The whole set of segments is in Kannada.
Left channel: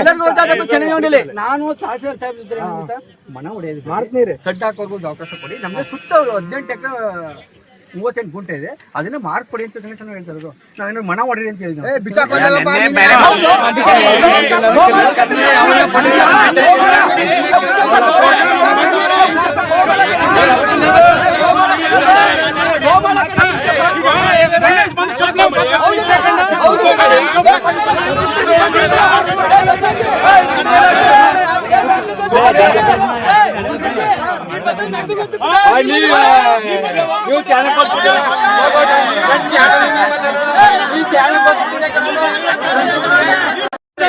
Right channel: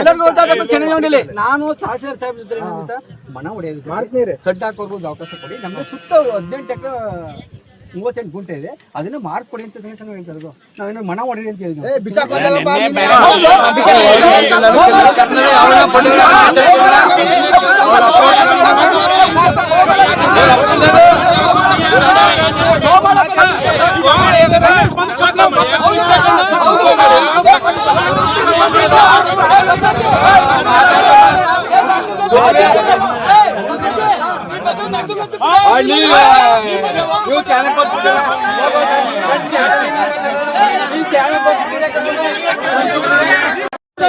ಎಲ್ಲರಿಗೂ ಗೊತ್ತಾಗಬೇಕು ಚನ್ನಂಜನಹಳ್ಳಿಯಲ್ಲಿ ನಾನು ತಹಸೀಲ್ದಾರ್ ಸಾಹೇಬ್ ಜೊತೆ ಮನ ಹೊಡೆಯೋದು ಮಾಡ್ತೀನಿ, ಸಡ್ಡ ಹಾಕೋರ್ಗೂ ಅವಕಾಶ ಕೊಡಿ. ನಮ್ಗೆ ಸುತ್ತ 18 ಎಕರೆ 38 ಗುಂಟೆ ಇದೆ, ಅದನ್ನ ಮಾರ್ಕೊಡಿ ಅಂತ ಗಣೇಶನ ಹೇಳ್ತಾ ಇರೋದು. ನಾವೇನೋ ಮನ ಹೊಡೆರಿ ಅಂತ ಹೇಳಿದ್ವಿ.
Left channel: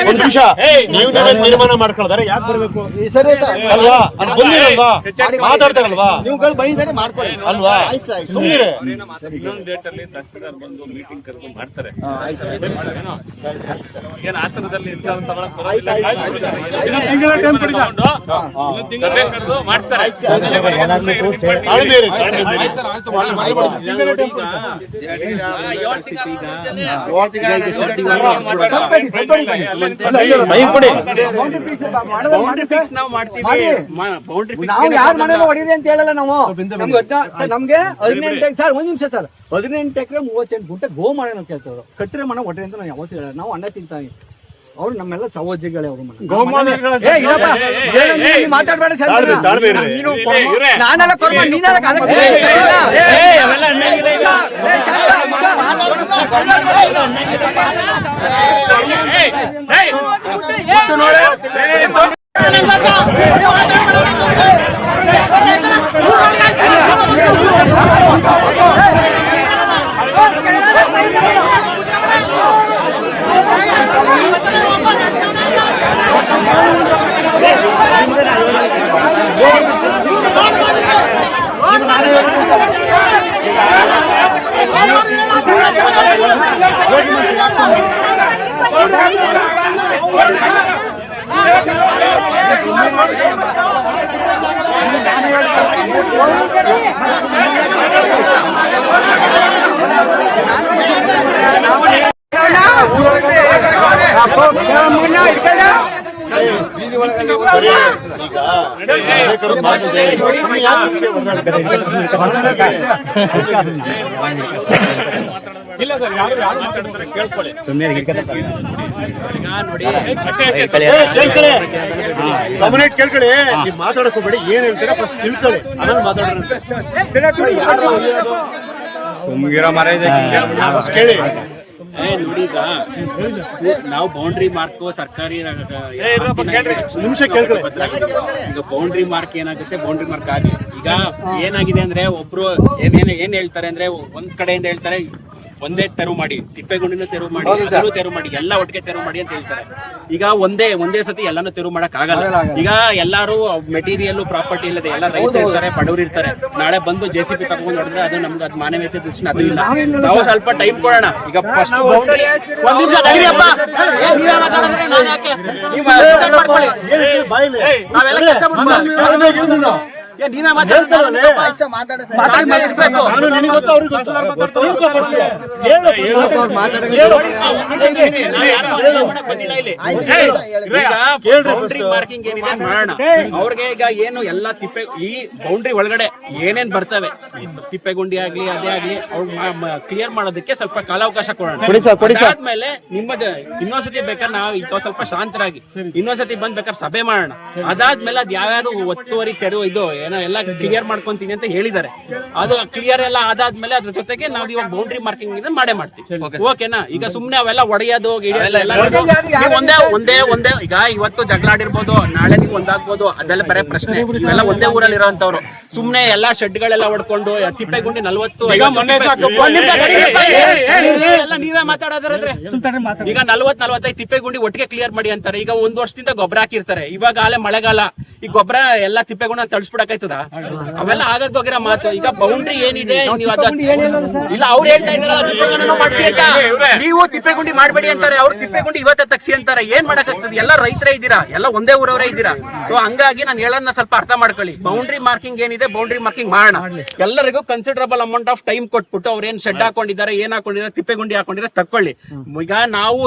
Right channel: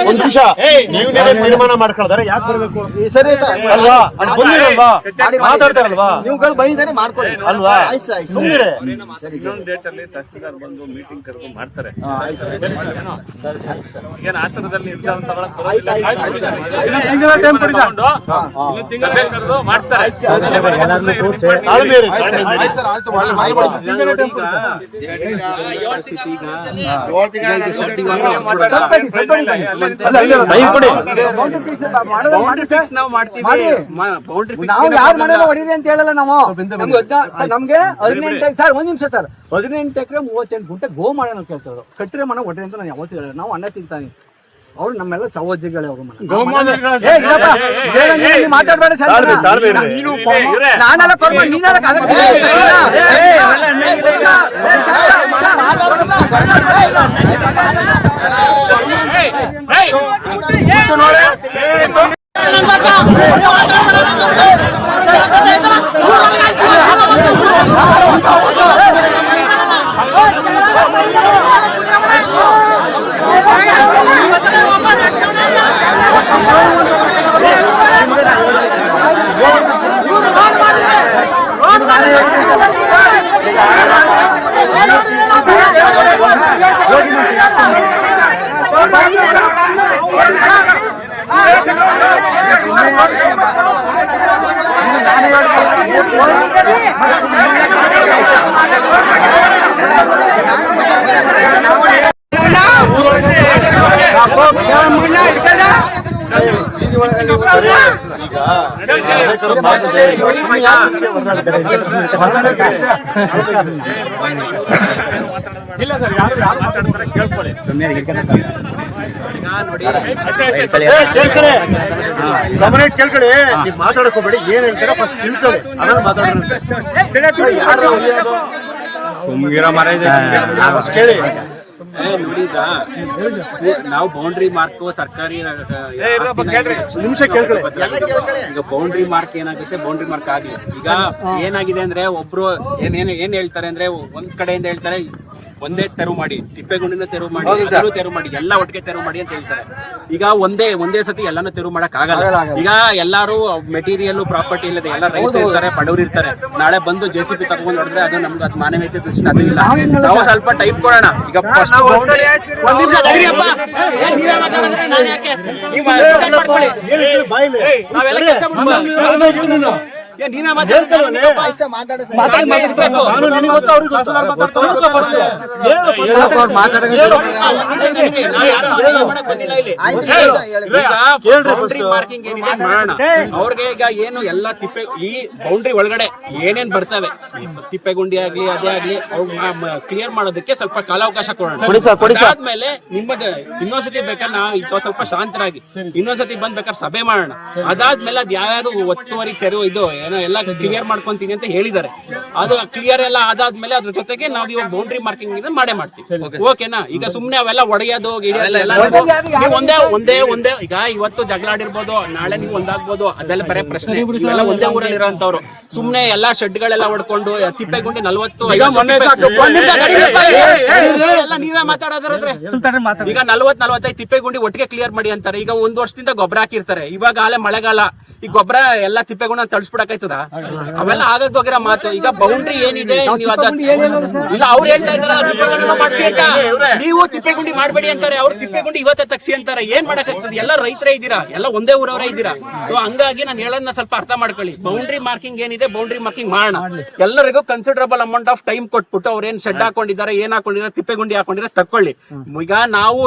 ಒಂದು ನಿಮಿಷ, ನೀವೇ ತೀರ್ಮಾನ ಮಾಡ್ಕೊಳ್ತಾರೆ ಯಾಕೆ ಬರ್ಬೇಕು ಅಲ್ವಾ? ಬಂದಿರಲ್ವಾ, ಮಾತಾಡ್ತಾರಲ್ವಾ, ನೀವುಗಳು ಬೈದಾನೆ ಮಾಡ್ಕೊಳ್ಳಿ ಅಲ್ವಾ? ಸುಮ್ಮನೆ ಇನ್ನೊಂದು ಡೇಟ್ ಅಲ್ಲಿ ತಹಸೀಲ್ದಾರ್ ಬಂದು ಮೀಟಿಂಗ್ ಕರೆದು ಮಾಡ್ತಾರೆ. ಏನ್ ಆತರದಲ್ಲಿ ತಗೊಳಕ್ ಬರೋದಿಲ್ಲ, ಸಭೆ ಕರೆದು ಮಾಡ್ತಾರೆ. ಹೊಡಿರಿ ಅಂತ ಹೇಳಲ್ಲ ನಾವು. ನಮ್ಗೆ 18 ಸರ್, ಒಂದ್ ನಿಮಿಷ ಸರ್, 18 ಎಕರೆ 38 ಗುಂಟೆ ಗೋ ಮಾಡಿ ನಾವು ಕೇಳ್ತಾರೆ. ಕಟ್ಟರೆ ಮನ ಹೊಡ್ರಿ ಅಂತ ನಾವು ಯಾವತ್ತೂ ಹೇಳ. ನಾವು ಅನ್ನ ತಿಂತಾನೆ, ಅವ್ರು ನಮ್ಮೆಲ್ಲ ಸಹೋದ್ಯೋಗಿಗಳೇ. ಅವ್ರು ಮಾತಾಡ್ಬೇಡ ಸರ್, ನಾನೆಲ್ಲ ಕೊಡ್ಬೇಡ, ನೀನೆಲ್ಲ ಇಲ್ಲ ಸರ್, ಯಾರು ಮಾತಾಡ್ತಾರೆ ಕೇಳ್ಕೊಳ್ಳಿ. ಕೇಳ್ಕೊಳ್ಳಿ, ನೀವು ಮಾತಾಡಕ್ ಹೋಗ್ಬೇಡಿ. ಏನ್ ಹೇಳ್ತೀರಾ ಫಸ್ಟ್ ತಿಳ್ಕೊಳ್ಳಿ, ಆಮೇಲೆ ಮಾತಾಡೋಣ. ಕೇಳಿ. ನೋಡಿ, ಈಗ ನಾವು ಬೌಂಡ್ರಿ ಮಾರ್ಕ್ ಸರ್ಕಾರಿ ನಿಮಿಷ ಈಗ ಬೌಂಡ್ರಿ ಮಾರ್ಕ್ ಏನಾಗುತ್ತೆ, ಬೌಂಡ್ರಿ ಮಾರ್ಕ್ ಆಗ್ಲಿ. ಈಗ ಏನಾಗಿದೆ ಅಂದ್ರೆ ಒಬ್ರು ಏನ್ ಹೇಳ್ತಾರೆ ಅಂದ್ರೆ, ಒಂದ್ ಕಡೆಯಿಂದ ಹೇಳ್ತಾರೆ ಒಂದೇ ತೆರವು ಮಾಡಿ, ತಿಪ್ಪೇಗುಂಡಿನ ತೆರವು ಮಾಡಿ, ಅದನ್ನು ತೆರವು ಮಾಡಿ, ಎಲ್ಲ ಒಟ್ಟಿಗೆ ತೆರವು ಮಾಡಿ ಅಂತ ಹೇಳ್ತಾರೆ. ಈಗ ಒಂದೇ ಸತಿ ಎಲ್ಲಾನು ತೆರವು ಮಾಡಕ್ ಆಗಲ್ಲ. ಈಗ ಎಲ್ಲಾರು ಮೆಟೀರಿಯಲ್ ಪ್ರಾಪರ್ಟಿ ಇಲ್ಲದೆ ಎಲ್ಲ ರೈತರು ಇರ್ತಾರೆ, ಬಡವರು ಇರ್ತಾರೆ. ನಾಳೆ ಬಂದು JCB ತಗೊಂಡ್ ಹೊಡೆದ್ರೆ ಅದು ನಮ್ಗೆ ಅದು ಮಾನವೀಯತೆ ದೃಷ್ಟಿ ಅದು ಇಲ್ಲ. ನಾವು ಸ್ವಲ್ಪ ಟೈಮ್ ಕೊಡೋಣ. ಈಗ ಫಸ್ಟ್ ಬೌಂಡ್ರಿ ಒಂದ್ ನಿಮಿಷ ನೀವೇ ಮಾತಾಡಿದ್ರೆ ನಾನು ಯಾಕೆ, ನೀವು ಡಿಸೈಡ್ ಮಾಡ್ಕೊಳ್ಳಿ. ನಾವೆಲ್ಲ ಕೆಲಸ ನೀವೇ ಬೌಂಡ್ರಿ ಮಾರ್ಕಿಂಗ್ ಏನಿದೆ ಮಾಡೋಣ. ಅವ್ರಿಗೆ ಈಗ ಏನು ಎಲ್ಲ ಈ ಬೌಂಡ್ರಿ ಒಳಗಡೆ ಏನೇನ್ ಬರ್ತವೆ, ತಿಪ್ಪೆಗುಂಡಿ ಆಗ್ಲಿ ಅದೇ ಆಗ್ಲಿ, ಅವ್ರು ಕ್ಲಿಯರ್ ಮಾಡೋದಕ್ಕೆ ಸ್ವಲ್ಪ ಕಾಲಾವಕಾಶ ಕೊಡೋಣ. ಅದಾದ್ಮೇಲೆ ನಿಮ್ಮದು ಇನ್ನೊಂದ್ಸತಿ ಬೇಕಾದ್ರೆ ನಾವು ಈಗ ಸ್ವಲ್ಪ ಶಾಂತರಾಗಿ ಇನ್ನೊಂದ್ಸತಿ ಬಂದ್ ಬೇಕಾದ್ರೆ ಸಭೆ ಮಾಡೋಣ. ಅದಾದ್ಮೇಲೆ ಅದ್ ಯಾವ್ಯಾವ್ದು ಒತ್ತುವರಿ ತೆರವು ಇದು ಏನೋ ಎಲ್ಲ ಕ್ಲಿಯರ್ ಮಾಡ್ಕೊಂತೀನಿ ಅಂತ ಹೇಳಿದ್ದಾರೆ. ಅದು ಕ್ಲಿಯರ್ ಎಲ್ಲ ಆದಾದ್ಮೇಲೆ ಅದ್ರ ಜೊತೆಗೆ ನಾವ್ ಇವಾಗ ಬೌಂಡ್ರಿ ಮಾರ್ಕಿಂಗ್ ಮಾಡೇ ಮಾಡ್ತೀವಿ. ಓಕೆನಾ? ಈಗ ಸುಮ್ನೆ ಅವೆಲ್ಲ ಒಡೆಯೋದು ಒಂದೇ ಈಗ ಇವತ್ತು ಜಗಳ ಆಡಿರ್ಬೋದು, ನಾಳೆ ನೀವು ಒಂದಾಗ್ಬೋದು, ಅದೆಲ್ಲ ಬರೇ ಪ್ರಶ್ನೆ. ಇವೆಲ್ಲ ಒಂದೇ ಊರಲ್ಲಿ ಇರೋಂತವ್ರು ಸುಮ್ನೆ ಎಲ್ಲಾ ಶೆಡ್ಗಳೆಲ್ಲ ಹೊಡ್ಕೊಂಡು ತಿಪ್ಪೆಗುಂಡಿ 40 ಎಲ್ಲ ನೀವೇ ಮಾತಾಡೋದ್ರೆ ಈಗ 40-45 ತಿಪ್ಪೆಗುಂಡಿ ಒಟ್ಟಿಗೆ ಕ್ಲಿಯರ್ ಮಾಡಿ ಅಂತಾರೆ. ಈಗ 1 ವರ್ಷದಿಂದ ಗೊಬ್ಬರ ಹಾಕಿರ್ತಾರೆ. ಇವಾಗ ಆಲೆ ಮಳೆಗಾಲ, ಈ ಗೊಬ್ಬರ ಎಲ್ಲ ತಿಪ್ಪೆಗುಂಡ ತಳಿಸ್ಬಿಡಕ ಆಯ್ತದ? ಅವೆಲ್ಲ ಆಗಕ್ಕೋಗಿರೋ ಮಾತು. ಈಗ ಬೌಂಡ್ರಿ ಏನಿದೆ ನೀವು ಇಲ್ಲ ಅವ್ರು ಹೇಳ್ತಾ ಇದಾರೆ ತಿಪ್ಪೆಗುಂಡಿ ಮಾಡ್ಸಿ ಅಂತ. ನೀವು ತಿಪ್ಪೆಗುಂಡಿ ಮಾಡ್ಬೇಡಿ ಅಂತಾರೆ, ಅವ್ರು ತಿಪ್ಪೆಗುಂಡಿ ಇವತ್ತೇ ತಗ್ಸಿ ಅಂತಾರೆ. ಏನ್ ಮಾಡಕ್ಕಾಗ್ತದೆ? ಎಲ್ಲ ರೈತರೇ ಇದ್ದೀರಾ, ಎಲ್ಲ ಒಂದೇ ಊರವರೇ ಇದ್ದೀರಾ. ಸೊ ಹಂಗಾಗಿ ನಾನು ಹೇಳೋದನ್ನ ಸ್ವಲ್ಪ ಅರ್ಥ ಮಾಡ್ಕೊಳ್ಳಿ. ಬೌಂಡ್ರಿ ಮಾರ್ಕಿಂಗ್ ಏನಿದೆ ಬೌಂಡ್ರಿ ಮಾರ್ಕಿಂಗ್ ಮಾಡೋಣ. ಎಲ್ಲರಿಗೂ ಕನ್ಸಿಡರಬಲ್ ಅಮೌಂಟ್ ಆಫ್ ಟೈಮ್ ಕೊಟ್ಬಿಟ್ಟು ಅವ್ರು ಏನ್ ಶೆಡ್ ಹಾಕೊಂಡಿದ್ದಾರೆ, ಏನ್ ಹಾಕೊಂಡಿದ್ದಾರೆ, ತಿಪ್ಪೆಗುಂಡಿ ಹಾಕೊಂಡಿದ್ದಾರೆ ತಕೊಳ್ಳಿ. ಈಗ ನಾವು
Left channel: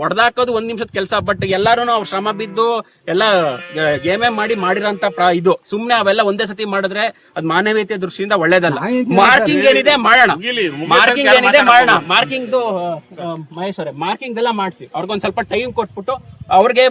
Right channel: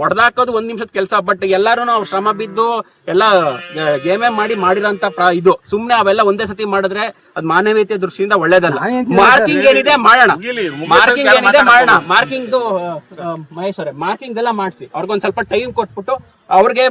ಹೊಡೆದಾಕೋದು 1 ನಿಮಿಷದ ಕೆಲಸ, ಬಟ್ ಎಲ್ಲಾರು ನಾವು ಶ್ರಮ ಬಿದ್ದು ಎಲ್ಲ ಏಮೇ ಮಾಡಿರೋಂತ ಇದು ಸುಮ್ನೆ ಅವೆಲ್ಲ ಒಂದೇ ಸತಿ ಮಾಡಿದ್ರೆ ಅದು ಮಾನವೀಯತೆ ದೃಷ್ಟಿಯಿಂದ ಒಳ್ಳೇದಲ್ಲ. ಮಾರ್ಕಿಂಗ್ ಏನಿದೆ ಮಾಡೋಣ, ಮಾರ್ಕಿಂಗ್ ಏನಿದೆ ಮಾಡೋಣ. ಮಾರ್ಕಿಂಗ್ ಮಹೇಶ್ವರ ಮಾರ್ಕಿಂಗ್ ಎಲ್ಲ ಮಾಡಿಸಿ ಅವ್ರಿಗೊಂದ್ ಸ್ವಲ್ಪ ಟೈಮ್ ಕೊಟ್ಬಿಟ್ಟು ಅವ್ರಿಗೆ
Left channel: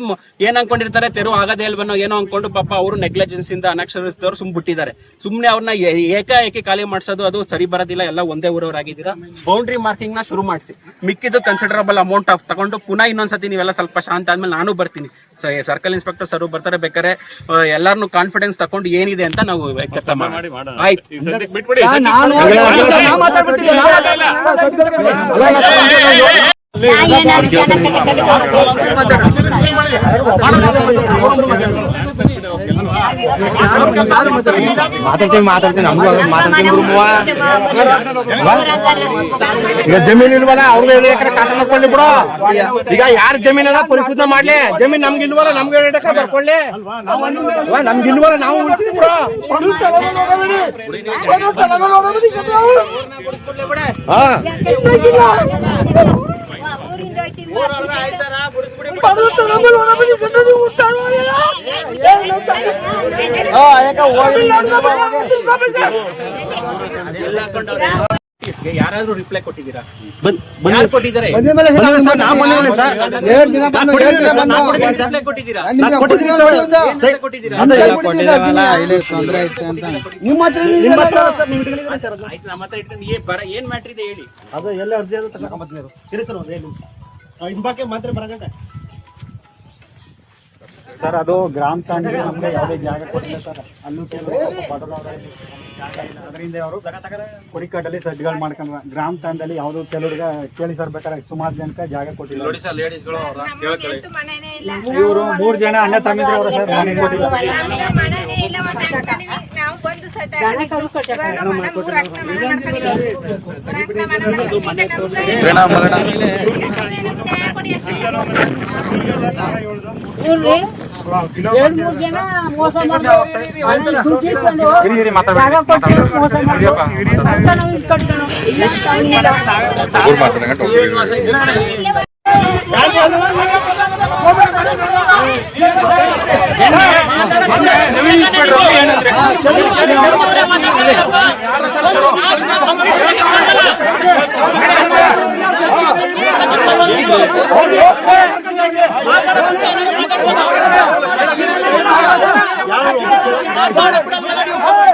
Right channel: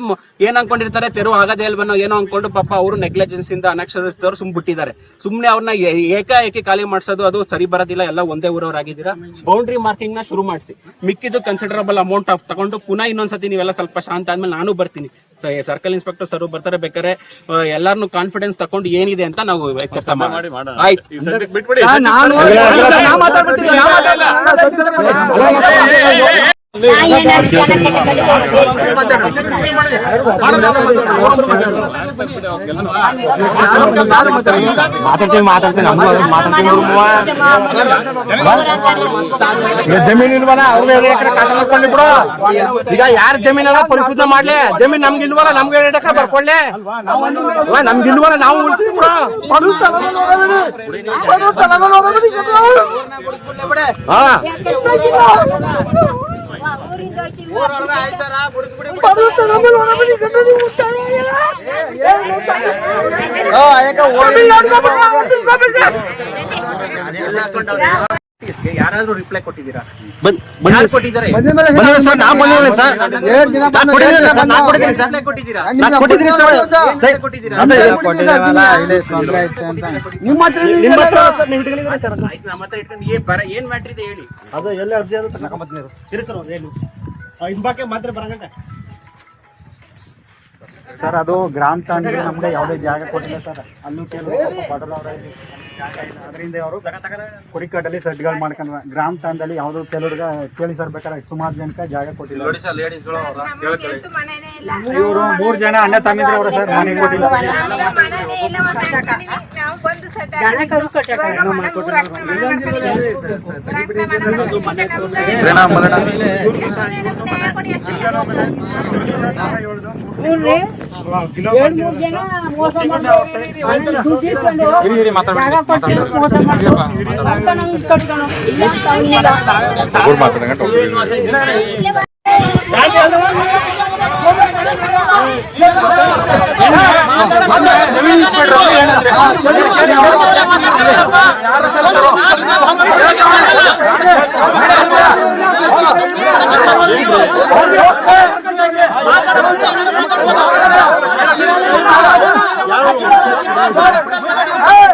ಏನ್ ಅನ್ಕೊಂಡಿರ್ತಾರೆ ತೆರು ಆಗದೇ ಇಲ್ವನೋ ಏನೋ ಅನ್ಕೊಂಡು ಪಾಪ ಅವರು ನೆಗ್ಲೆಜೆನ್ಸ್ ಇಂದ ಅನಕ್ಷರಸ್ಥರು ಬಿಟ್ಟಿದ್ದಾರೆ. ಸುಮ್ನೆ ಅವ್ರನ್ನ ಏಕಾಏಕಿ ಖಾಲಿ ಮಾಡ್ಸೋದು ಅದು ಸರಿ ಬರೋದಿಲ್ಲ. ಎಲ್ಲ ಒಂದೇ ಊರವರಾಗಿದ್ದೀರಾ. ಬೌಂಡ್ರಿ ಮಾರ್ಕಿಂಗ್ ನ ಶುರು ಮಾಡಿಸಿ, ಮಿಕ್ಕಿದ್ದು ಕನ್ಸಿಡರಬಲ್ ಅಮೌಂಟ್ ಆಫ್ ತಗೊಂಡು ಪುನಃ ಇನ್ನೊಂದ್ಸತಿ ನೀವೆಲ್ಲ ಸ್ವಲ್ಪ ಶಾಂತ ಆದ್ಮೇಲೆ ನಾನು ಬರ್ತೀನಿ, ಸರ್ಕಲ್ ಇನ್ಸ್ಪೆಕ್ಟರ್ ಸರ್ ಬರ್ತಾರೆ. ಬೇಕಾದ್ರೆ ಎಲ್ಲಾರನು ಕಾನ್ಫಿಡೆನ್ಸ್ ತಕೊಂಡು ಏನಿದೆ ಅಂತ ನಾವು ಕೆಲಸ ಮಾಡಿ. ಆಯ್ತು, ಬಿಟ್ಬಿಡಿ. ಜಮೀನ್ ಇಲ್ವಲ್ಲ ಅವ್ರಿಗೆ ಕಾಕೊಂಡ್ಕೊಳ್ಳಿ ಬಿಡು. ಈಗ ಯಾರ ಜಮೀನೆಲ್ಲ ಪರಿಶುದ್ಧ ಮಾಡ್ಲಿ, ಜಮೀನ್ ನಮ್ಗೆ ಇಲ್ವಲ್ಲ ನಮ್ಗೆ ಬರ್ಕೊಳ್ಳಿ. ನಮ್ಗೆ ಇಲ್ವಲ್ಲ ನಾವು ಯಾರಾದ್ರೂ ರಿಪ್ಲೈ ಕೊಟ್ಟಿದ್ದೀರಾ? ಯಾರು ಕೊಟ್ಟಿದ್ದಾರೆ? ಏನ್ ಮ್ಯಾಟ್ರ್ ಇದೆ ಹೇಳಿ. ಸರ್ ಅದು ಗ್ರಾಮ ತಾಂಡ್ರೆ ನಮ್ಗೆ ಯಾವುದೇ ಜಾಗ ಕೊಟ್ಟಿಲ್ಲ ಸರ್. ಅಲ್ಲೂ ಕೆಲವರು ಅದರಿಂದ ಅವರು ಕುರಿಕಾಟಲ್ಲಿ ಸೆಟ್ಗಳು ಮಾಡ್ಕೊಂಡ್ರ. ಗ್ರಾಮ ತಾಂಡಲ್ಲಿ ಯಾವ್ದು ಕೆಲವ್ರಿಗೆ ಕೇಳಿ ಸರ್ ಬೇಕಾದ್ರೆ ಸುಮಾರು ಜನಕ್ಕೆ ಜಾಗ ಕೊಟ್ಟಿಲ್ಲ. ಇವರು 3 ಜನ ಅಣ್ಣ ತಂಗಿದ್ರು ಅವರು ಸರ್ ಮನೆ ಕೊಟ್ಟಿಲ್ಲ. Hey!